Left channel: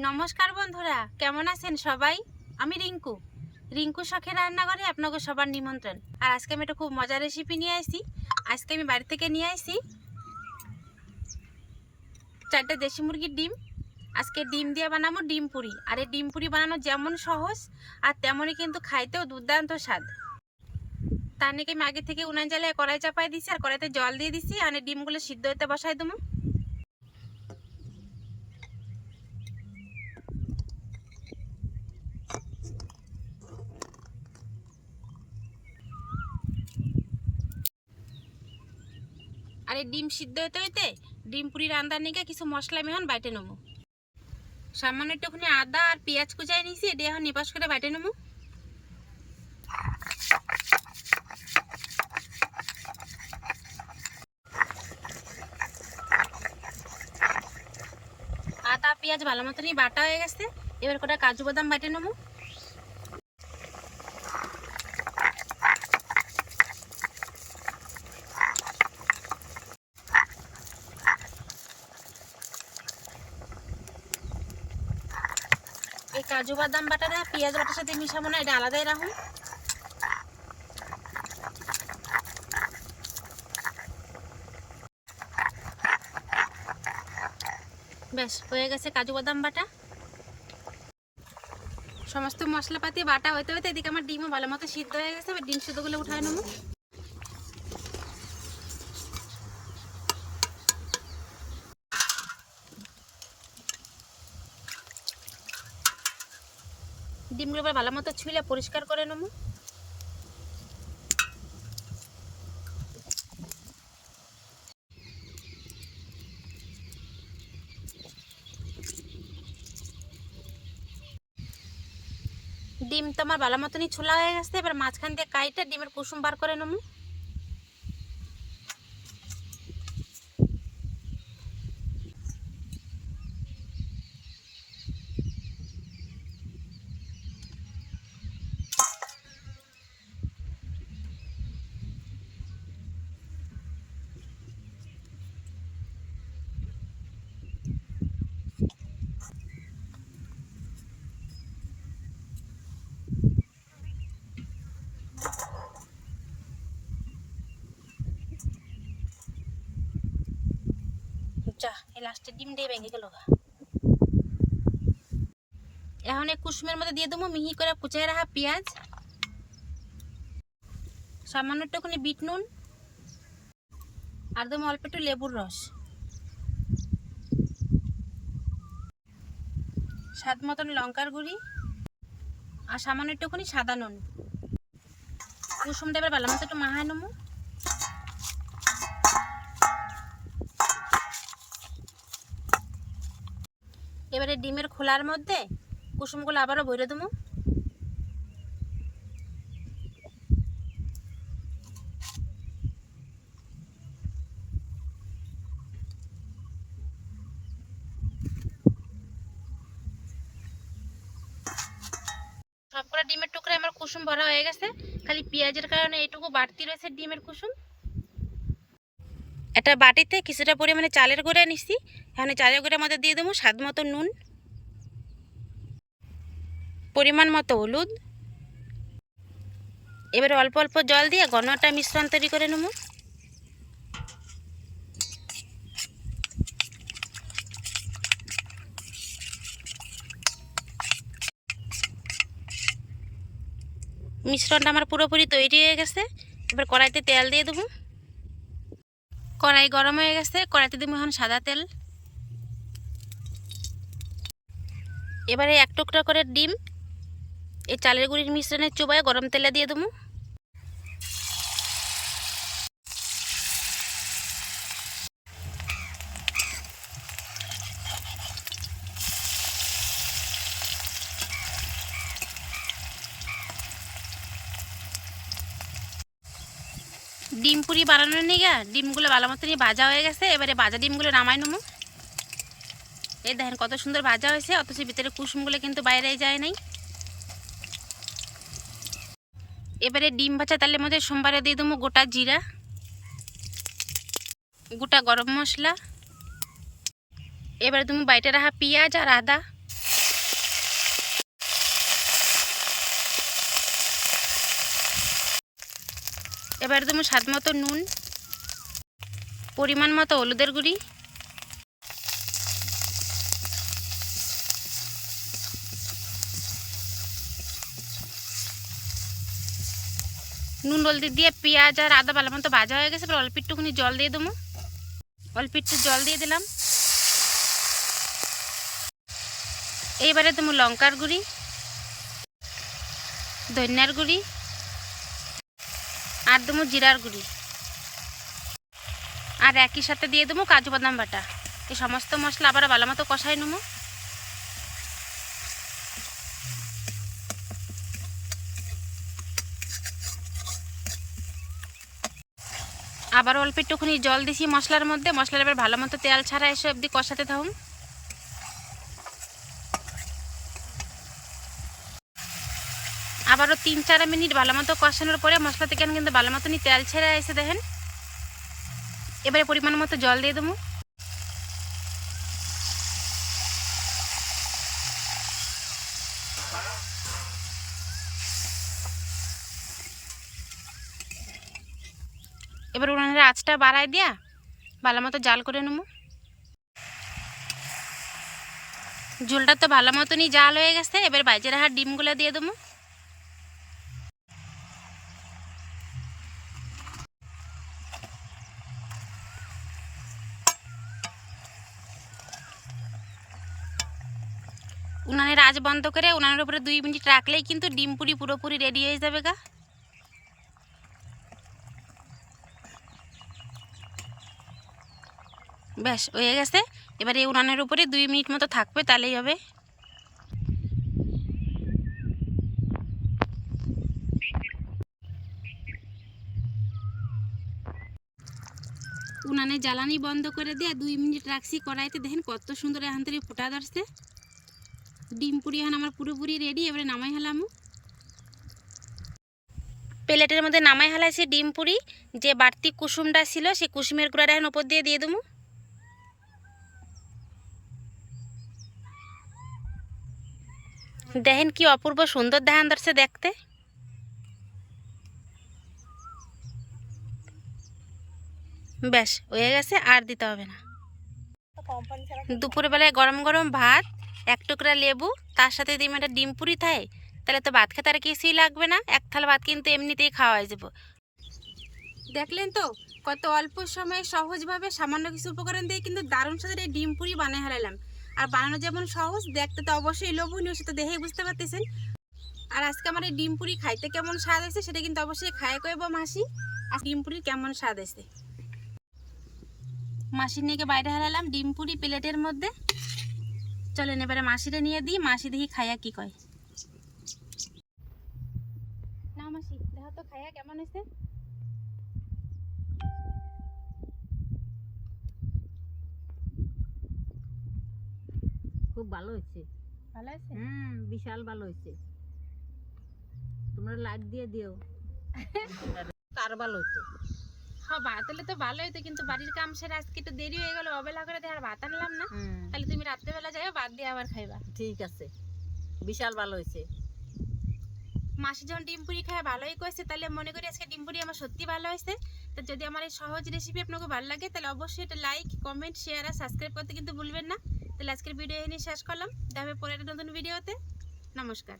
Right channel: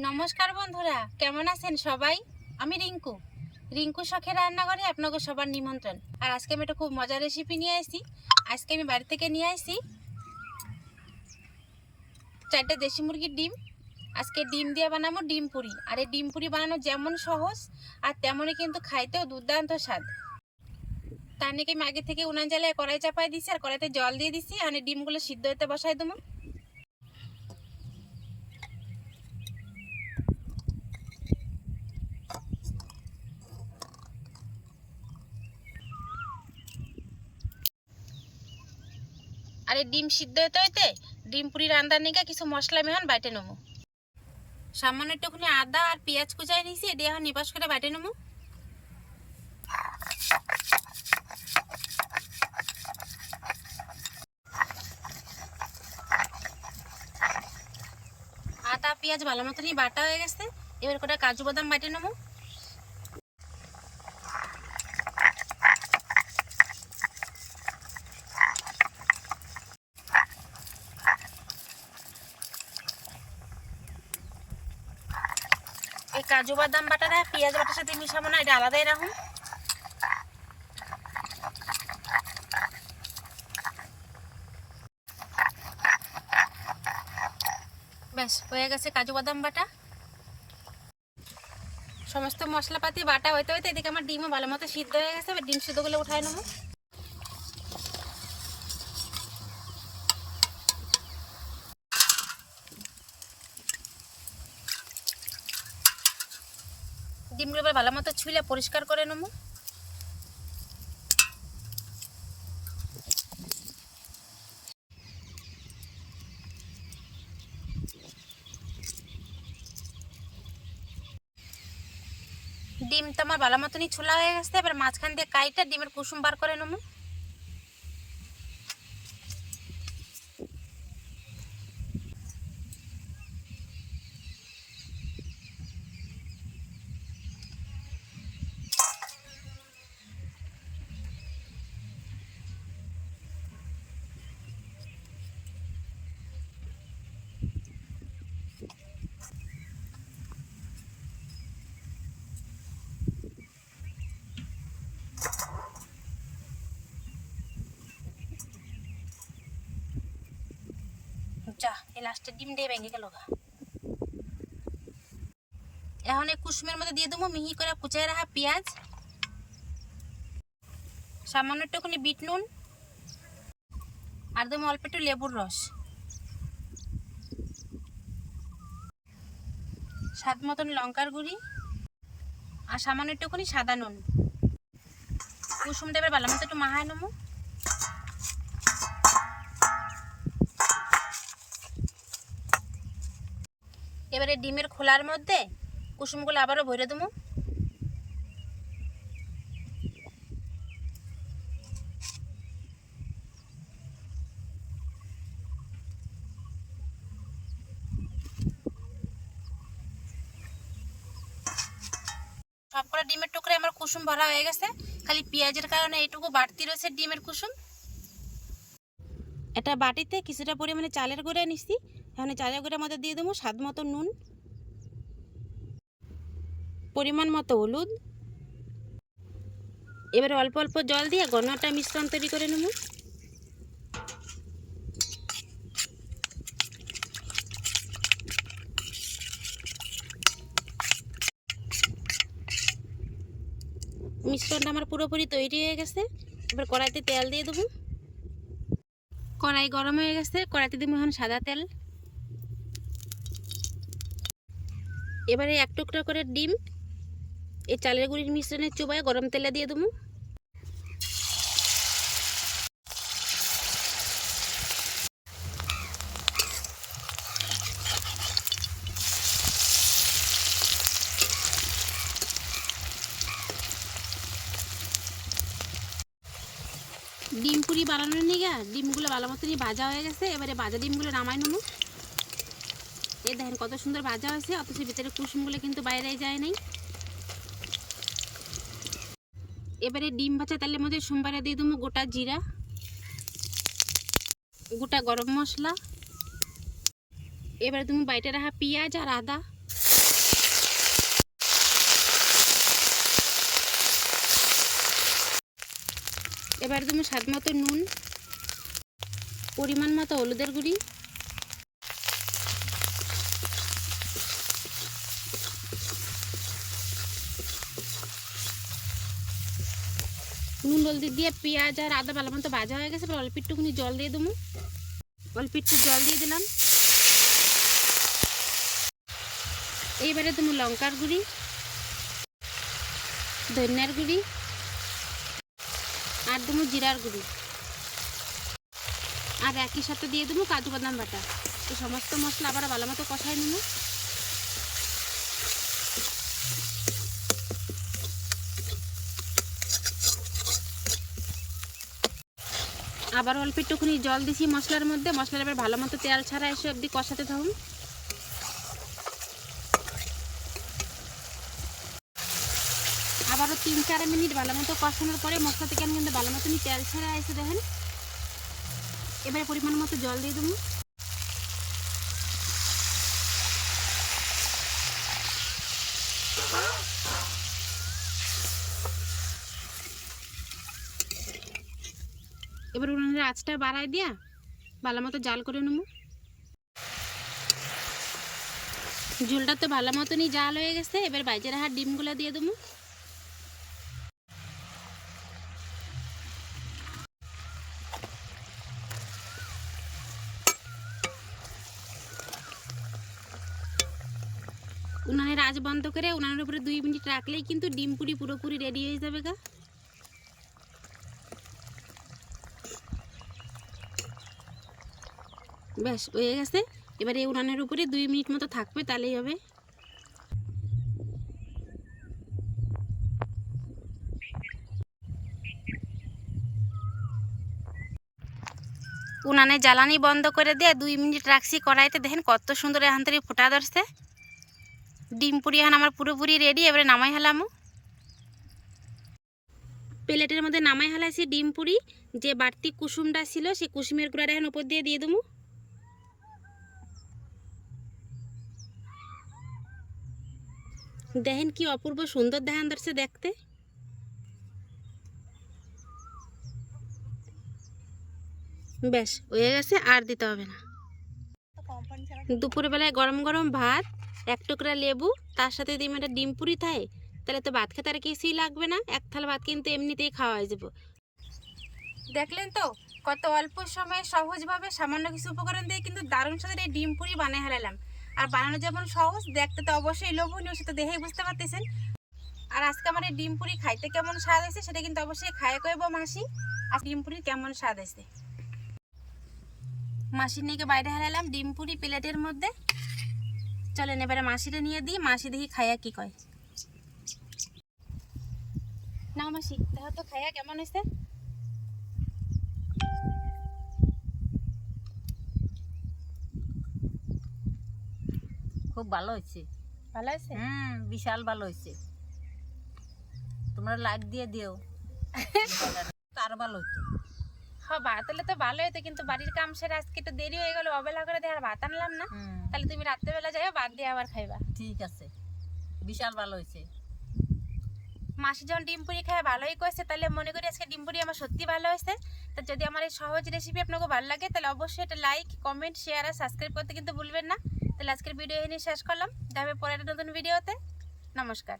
নমস্কার বন্ধুরা, কেমন আছেন সবাই? আমি রিঙ্কু। রিঙ্কু শখের রান্নাঘরে আপনাকে সবার নিমন্ত্রণ। আর আজকে আমি একটা খুব মজার রেসিপি নিয়ে আসি আজকে আমি বাড়ি থেকে নিয়ে আসি চারটে দেশি মুরগির ডিম। আজকে ডিম দিয়ে বানাবো ডিম পুরি। আর এই ডিম পুরি বানানো যেমন সহজ, আর তেমনই কিন্তু খাইতেও দুর্দান্ত স্বাদ। তার নাকি আমি আগে থেকে উনান জ্বালিয়ে কড়াই চাপাই দিছি, আর কড়াইতে জল দিয়ে দিছি, আর ডিমগুলো সিদ্ধ হতে বসাই দেবো। আর এই ডিম সিদ্ধ হতে হইতে ডিম পুরি রান্নার নিকে কিছু মশলা মেহন বাইটে নেব সামান্য একটুখানি আদা আর পেঁয়াজ কুচাই নিয়েছি এটা এখন নিবাস করে বাইটে নেব আদা, পেঁয়াজ ভালো মতনই বাটা হয়ে গেছে, এবার কটা কাজু বাদাম বাইটে নেব কাজু, বাদাম বাটাটা পেঁয়াজ, বাটার সাথে মিশাবো না, এটা আলাদাই রাখুন ব্যাস, হয়ে গেছে কাজু, বাদাম, বাটা। সমস্ত মশলাপাতি, বাটা হইতে হইতে এদিকে আমার ডিমও ভালো মতো সিদ্ধ হয়ে গেছে, এবার ডিম সিদ্ধগুলো উঠায় নেব। ডিমগুলো ভালো মতো ছুলে পরিষ্কার করে নেব। ডিম তো আমার ভালো মতনই ছোলা হয়ে গেছে, এবার মাঝখান দিয়ে কাইটা ডিমের কুসুম বার করে নেব। যা, এই লাস্টের ডিম দিয়ে ভেঙে গেল গা। এখন এই কুসুমের মধ্যে দিয়ে দেবো, মিহি করে কুচাই রাখা পেঁয়াজ। সামান্য একটুখানি বিট নুন। আর দেবো অল্প একটু লেবুর রস। স্বাদ মতন লঙ্কার গুঁড়ি। আর সামান্য একটুখানি সাদা নুন। কুসুমটা এবার ভালো মতো একটু মাহায় নেব। এবারে ডিমের খোলার মধ্যে কুসুমগুলো আবারও ভরে দেবো। সবকটা ডিমের টুকরে আমার কুসুম ভরা হয়ে গেছে। খালি পেঁয়াজের কারণে এইটুকু বাড়তি রয়েছে ডিমের কুসুম। একটা বাটিতে কিছুটা পরিমাণে চালের গুঁড়া নিচ্ছি এখানে চালের গুঁড়ার মধ্যে দিয়ে দেবো স্বাদ মতো নুন, পরিমাণ মতো হলুদ। এবারে অল্প অল্প জল দিয়ে ঘনটা মিশ্রণ তৈরি করে নেব। মিশ্রণটা আমার পুরোপুরি তৈরি হয়ে গেছে। এবার কড়াইতে তেল দিয়ে দেবো। কড়াই গরম হয়ে গেছে, কড়াইতে দিব এখন সাদা তেল। এবারে এক টুকরা করে ডিম, এই চালের গুঁড়ির মিশ্রণে চুবায় গরম তেলে দিয়ে দেবো। ডিম পুরি বানানোর নিয়ে ডিমগুলো ভালো মতনই ভাজা হয়ে গেছে, এবারে ভাজা ডিমগুলো নামাই নেব। এই দেখেন কত সুন্দর ভাজা হয়েছে, অথচ ভিতরে কুসুমগুলো কিন্তু বাইরে যায় নাই। এবারে ডিম ভাজা তালের মধ্যে সোমবারে দিয়ে দেবো গোটা জিরা, গোটা গরম মশলা। এবারে তুমি বাইটে রাখা পেঁয়াজ আর আদা। এবার দেবো স্বাদ মতো নুন, পরিমাণ মতো হলুদের গুঁড়ি, নুন হলদি দিয়ে পেঁয়াজ আর আদা ভালো মতো ভাজা হয়ে গেছে, এবার অল্প একটুখানি জল দিয়ে দেবো। অল্প একটু জল দিয়ে দিলাম। এইবারে দেবো লঙ্কার গুঁড়ি, ধনিয়ার গুঁড়ি আর দেবো জিরার গুঁড়ি। আর একই সাথে দিয়ে দেবো কাজু বাদাম বাটা। এই সমস্ত মশলা আবার ভালো মতো কষাই নেব। আবার অল্প একটুখানি জল দিছি মশলার মধ্যে। মশলার এবার ভালো মতো তেল ছাড়া এসে অবধি কষাতে থাকুন। আবারও তিন চার মিনিট ভালো মতো কষানোর পরে মশলা থেকে কিন্তু ভালো মতনই তেল ছেড়ে এসে দেখেন। এবারে পরিমাণ মতো জল দিয়ে দেবো। এবার উনানের আঁচটা বাড়াই দিয়া ভালো মতো জাল করে নেব। ঝোলটা তো ভালো মতনই জাল হয়ে গেছে, এবার বাইজে রাখার ডিমগুলো দিয়ে দেবো উনানের আজ বন্ধ করে উনানের উপরে দুই মিনিট রাখলেই কিন্তু ডিম পুরি পুরোপুরি রেডি হয়ে যাবে গা। ব্যাস, হয়ে গেছে। এবার এই উনানের উপরে দুই মিনিট মতো থাকবে, তাহলেই হবে। উনানে জ্বালানি বন্ধ করে দিয়ে দুই মিনিট রাখছি কড়াইতে। দেখেন কত সুন্দর এখান থেকে ফোটা ধরছে। ডিম পুরি এখন আমার পুরোপুরি রেডি এবারে নামাই হেলামো। প্লেটের মধ্যে নামাই হেলাইছি ডিম পুরি, যে বাড়তি কুসুমটা ছিল, সেই কুসুমের গুঁড়াটা এখন ওপর দিয়ে দিয়ে দেবো। দেখেন কি অপূর্ব সুন্দর দেখান ধরছে দেখতে। ব্যাস, হয়ে গেছে, আর দিতে হবে না। দুপুরবেলায় গরম গরম ভাত এক টুকরা লেবু, তার সাথে ডিম একটা ডিম পুরি থাকে তাহলে তো ভাত খেতে আর কিছুই লাগবে না। এক থালা ভাত কিন্তু এমনিতেই খাওয়া হয়ে যাব। দেখলেন তো, কত অল্প সময়ে সহজভাবে সামান্য কিছু উপকরণ দিয়ে কিন্তু দারুণ সাথে এই ডিম পুরি বানিয়ে হেলালাম আর বানানো যেমন সহজ, দেখতে তো অবশ্যই লোভনীয় সেটা দেখেই বুঝতে পারতেছেন। আর আজকে আমার এই ডিম পুরি খাইতে কেমন স্বাদ হয়েছে, সেটা কিন্তু অবশ্যই খায় কইব মাসি। আর ডিম পুরি কেমন স্বাদ হয়েছে? মাসির নিয়ে বাইরে হারালাম ডিম পুরি প্লেটের মধ্যে। চলেন এবারে মাসিরে নিয়ে দিই মাসি দেখি খায়া কি কয়। না মাসি দেখো তো খায়া কেমন হয়েছে। খুব ভালো হয়েছে। ভালো হয়েছে? হুম বিশাল ভালো হয়েছে। তোমরা লাইক দিয়ে দিও। তার ভালো হতো হ্যাঁ ভাত হলে তো ভালো হতো কিন্তু বাড়ির কাম সেরে আজকে একটু দেরি হয়ে গেল অবেলা করে দিয়ে আর ভাত আনলাম না। তাহলে তুমি রাত্রেবেলা যাও ভাত দিয়ে আবার খাইবা। ঠিক আছে। বিশাল ভালো হয়েছে। মাসি যখন ডিম পুরি খায় ভালোই করেছে তাহলে মনে করি আজকে ডিম পুরি আমার সত্যি ভালো হয়েছে। তো যদি আমার এই সহজ রেসিপি আপনাকে ভালো লাগে তাহলে অবশ্যই এটা লাইক কমেন্ট শেয়ার আর সাবস্ক্রাইব করতে কিন্তু ভুলবেন না। তাহলে আজকের ভিডিও এনে শেষ করলাম। দেখা হবে পরের নতুন ভিডিওতে নমস্কার।